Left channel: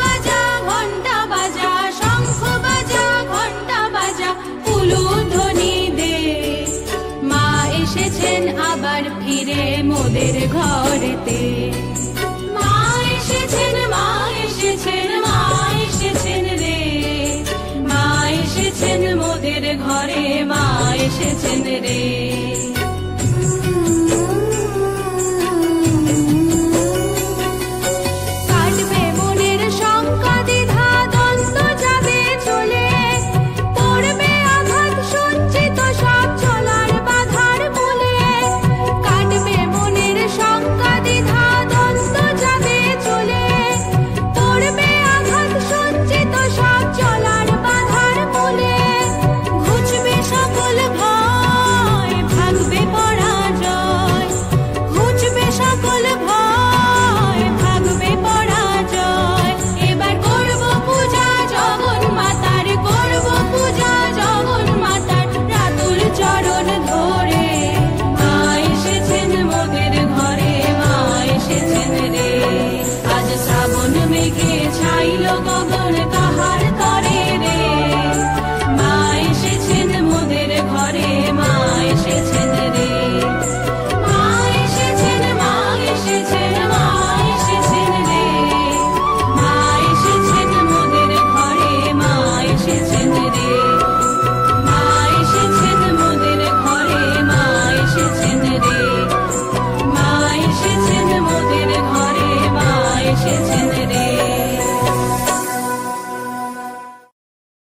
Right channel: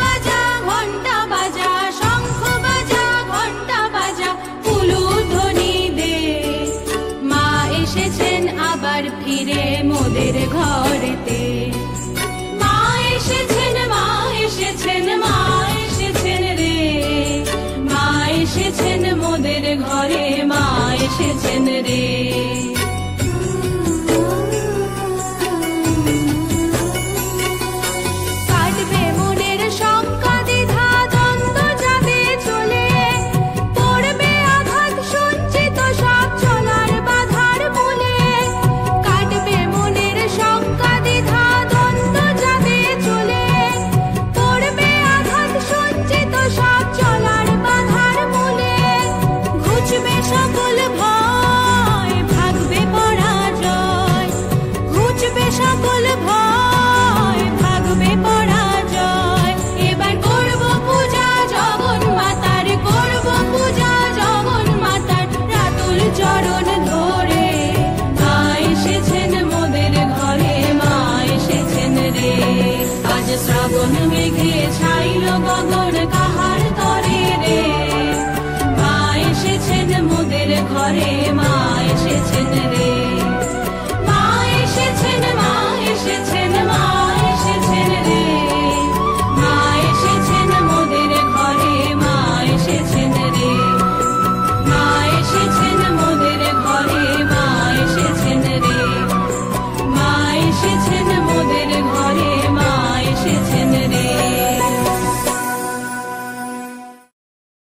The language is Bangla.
বাজা ঘন্টা বাজা, শঙ্খ বাজা ঘন্টা বাজা, উলুধ্বনি দে। মা এসেছেন আবার ফিরে মোদের ঘরেতে। মা এসেছেন, মা এসেছেন, মা এসেছেন রে। মা এসেছেন মোদের ঘরে, মা এসেছেন রে। কাটবে মনের শঙ্কা দ্বিধা, দ্বন্দ্ব যাবে চলে, পড়বে আঘাত সঞ্চিত সব চলার বাধার মূলে। কাটবে মনের শঙ্কা দ্বিধা, দ্বন্দ্ব যাবে চলে, পড়বে আঘাত সঞ্চিত সব চলার বাধার মূলে। ঘুচবে সকল ভয়,